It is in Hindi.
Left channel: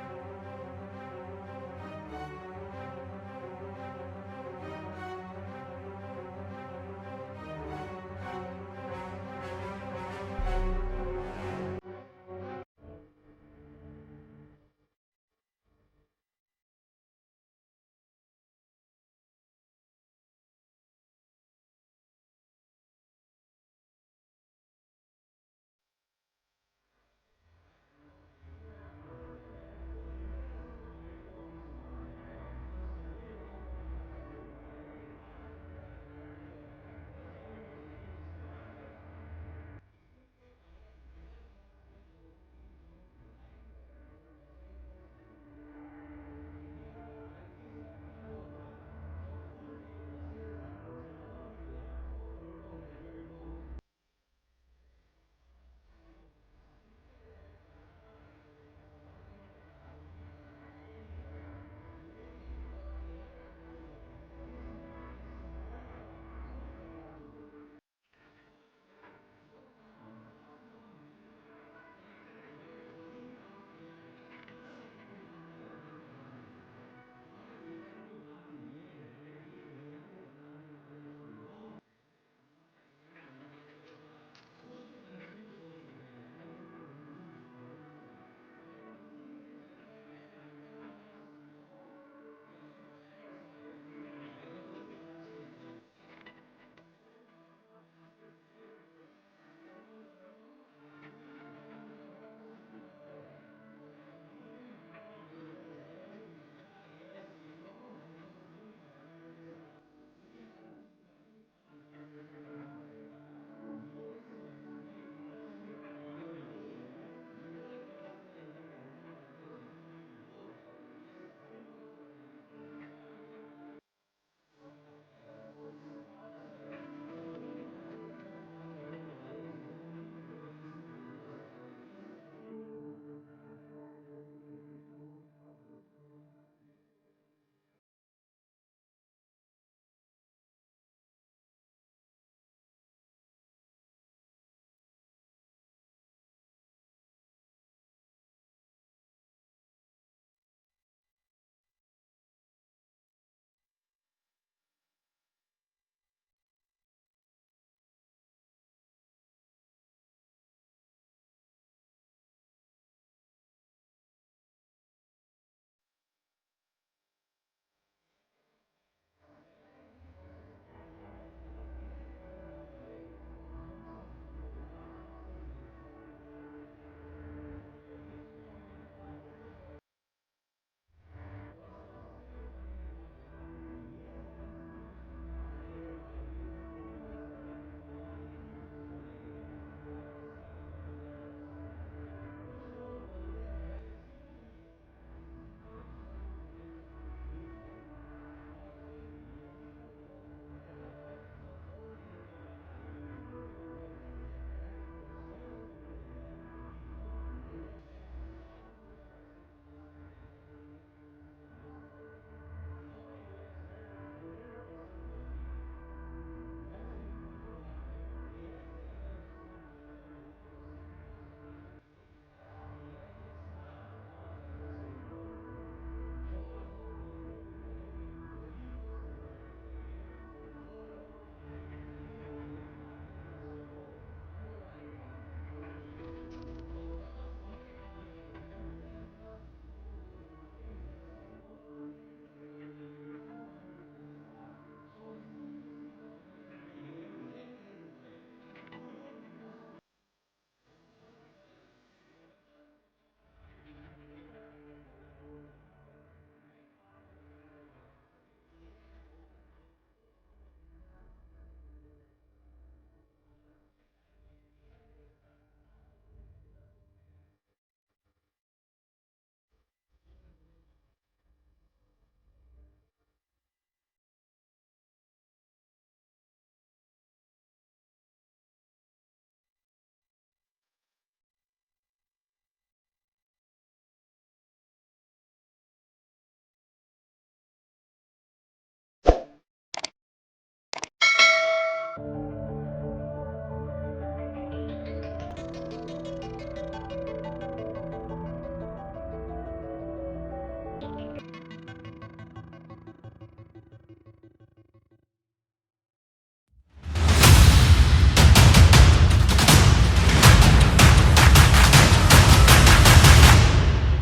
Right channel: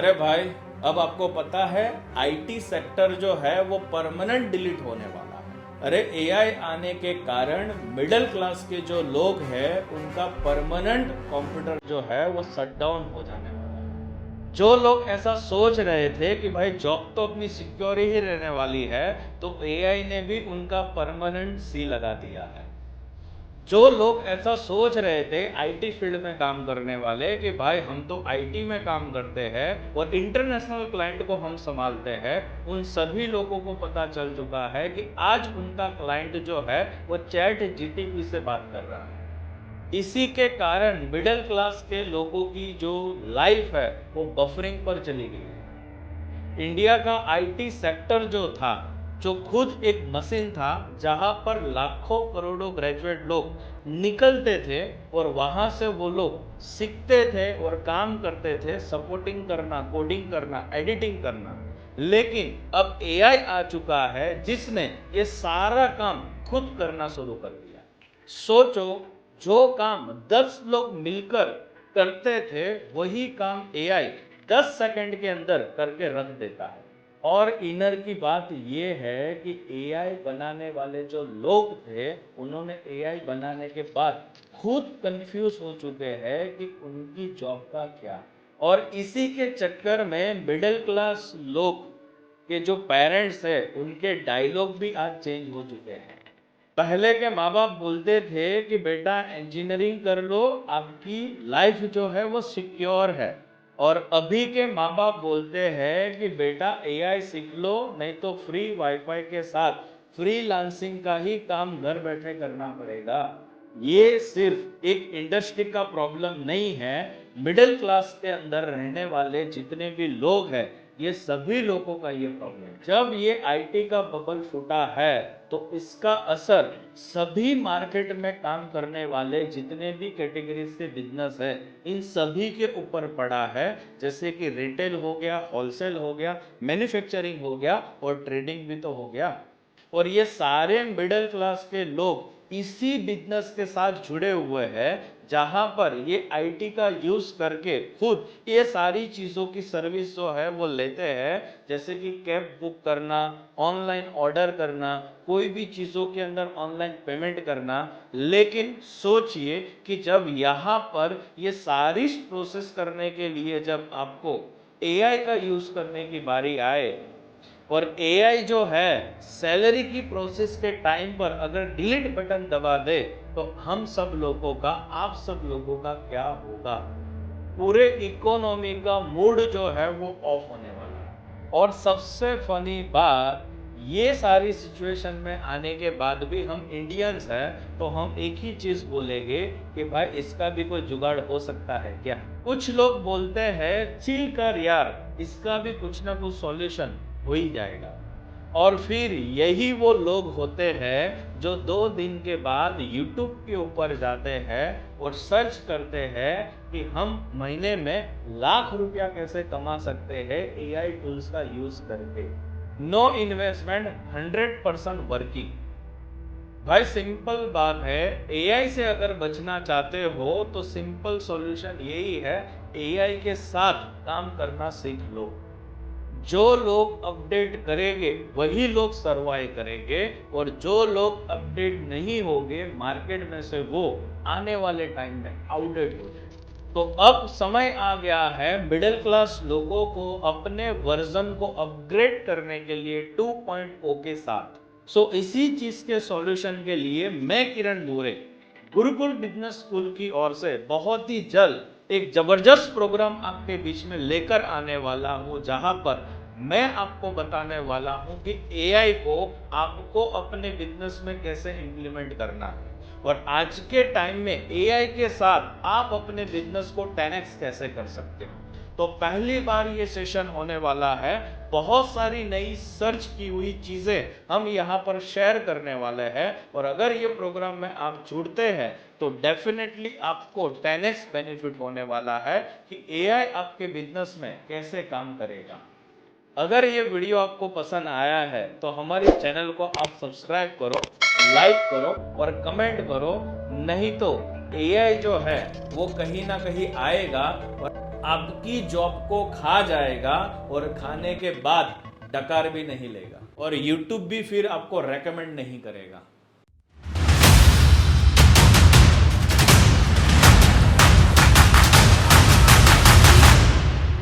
अरे भाई, अब आपको पता है आईटी सेक्टर जो है वो परमानेंट डिलीट होने वाला है। अरे एआई आने के कारण मिडिल क्लास के जो लोग हैं उनका परमानेंट कंप्यूटर जो है वो शट डाउन हो जाने वाला है। जो लोग ऐसा सोच रहे थे कि भाई जॉब तो अपनी सिक्योर ही रहने वाली है, तो एआई ने भी उनका परमानेंट सी लगा दिया है। जो लोग ऐसा सोच रहे थे आईटी फील्ड में काम करने वाले कि भाई हम तो आईटी में काम करते हैं और इंटरनेशनल क्लाइंट को हम संभालते हैं, उन सभी लोगों को पता चल चुका है कि आज उनका क्लाइंट जो है वो चैट जीटीपी से बात कर रहा है। इसी के कारण मिडिल क्लास के लोगों की जो लाइफ है वो बफरिंग पर चली गई है। इंडिया का आईटी सेक्टर जो था, जो खुद एक मशीन था जहां पर लाखों करोड़ों ग्रेजुएट लोग निकलते थे और वहां से वो लोग सीखते थे और काम करते थे, सपोर्टिंग करना, कोडिंग करना, एडिटिंग करना। लेकिन अब एआई आ चुका है जिसने ये सारा काम खुद करना शुरू कर दिया। सोचो, जो काम 10 लोग मिलकर करते थे वही काम एआई 10 सेकंड के अंदर करके रख देता है। और इनर की बात ये है कि एआई बनाने वाले जो लोग थे उन्होंने एआई बनाने के बाद खुद कंफ्यूज हो चुके हैं कि उनकी जॉब का क्या। और इसी के चक्कर में मिडिल क्लास लोग के जो पेरेंट्स हैं उनके डायलॉग भी आज चेंज हो चुके हैं। पहले के माँ बाप बोलते थे कि बेटा इंजीनियरिंग कर लो, आपकी लाइफ जो है वो सिक्योर है। और अभी के माँ बाप बोलते हैं कि बेटा एआई सीख लो, नहीं तो फ्री वाईफाई के साथ फ्रीलांसिंग का ही काम घर बैठे करना पड़ेगा। ये सिर्फ एक इंडस्ट्री का प्रॉब्लम नहीं है, मिडिल क्लास के अंदर रहने वाले जितने भी लोग हैं ये सभी लोगों का ये प्रॉब्लम है। जब ये आईटी का बबल फूटा है तो इसका असर सभी मार्केट में काम करने वाले जितने भी कैटेगरी से बिजनेस है इन सभी के ऊपर पड़ा है। जैसे कि रिटेल हो गया, होलसेल हो गया, मैन्युफैक्चरिंग हो गया और ट्रेडिंग भी तो हो गया। और ये सारे मिडिल क्लास के लोग इसी बिजनेस के साथ जुड़े हुए हैं जहां पर ये आईटी का यूज करके खुद ये सारी चीज़ों की सर्विस जो है वो लेते हैं। जैसे कि कैब बुक करना, ऑनलाइन ऑर्डर करना, कोई भी चीज़ों के अंदर ऑनलाइन पेमेंट करना। लेकिन सोचिए कि जब यहाँ पर ये सारी प्रोसेस करने के लिए जब आपको एआई का यूज़ करने की बारी आए और एआई जो है सैलरी की प्रोसेस के टाइम पर अगर डिलीट बटन दबा दे तो हम सब लोगों का, आप सब लोगों का क्या होगा। पूरे इकोनॉमी का मूड जो है वो ऑफ होने वाला है। और सबसे फनी बात, ये सारी सिचुएशन में आने के बाद भी हम इंडियंस हैं तो हम एक ही चीज बोलेंगे कि भाई इसका भी कोई जुगाड़ हो सकता है क्या। कुछ लोग बोलते हैं चिल कर यार, इसका भी कुछ ना कुछ सॉल्यूशन हो ही जाएगा। और फिर यही वो लोग होते हैं जो 2 दिन के बाद YouTube के ऊपर जाते हैं और सर्च करते हैं कि हम महीने में लाख रुपया कैसे कमा सकते हैं एआई टूल्स का यूज करके। No investment, 100% working. भाई सिंपल बात है, एआई से अगर बचना चाहते हो तो सिंपल सॉल्यूशन यही है, एआई के साथ काम करना सीख लो। जो लोग अपडेट करेंगे वही लोग सरवाइव करेंगे और जो लोग अपडेट नहीं होंगे मार्केट में से वो आने वाले टाइम में आउटडेट हो जाएंगे। तो अब समय आ गया है मिडिल क्लास लोगों को अपने वर्जन को अपग्रेड करने के लिए 2.0 के साथ। इसी चीज के सॉल्यूशन के लिए मैं किरण दूरे गुरुकुल बिजनेस स्कूल की ओर से बहुत ही जल्द एक जबरदस्त प्रोग्राम आपके बीच में लेकर आने वाला हूं, जहां पर मैं आपको बताने वाला हूं कि एआई को आपको अपने बिजनेस में कैसे इंप्लीमेंट करना है और आज के टाइम में एआई के साथ आप अपने बिजनेस को 10x कैसे कर सकते हो। तो पहली बार ये सेशन होने वाला है, बहुत सारी नई सर्च की हुई चीज़ें हम यहाँ पर शेयर करने वाले हैं और अगर ये प्रोग्राम में आप जुड़ते हैं तो डेफिनेटली आपको 10x बेनिफिट होने वाला है कि एआई आपके बिजनेस में कैसे काम करेगा। अगर ये वीडियो आपको पसंद आया है तो हमारे चैनल को आप सब्सक्राइब करो, लाइक करो और कमेंट करो। नहीं तो एआई जो है वो कहीं ना कहीं आएगा और आपकी जॉब को खा जाएगा और खाने के बाद डकार भी नहीं लेगा और YouTube भी फिर आपको रेकमेंड नहीं करेगा।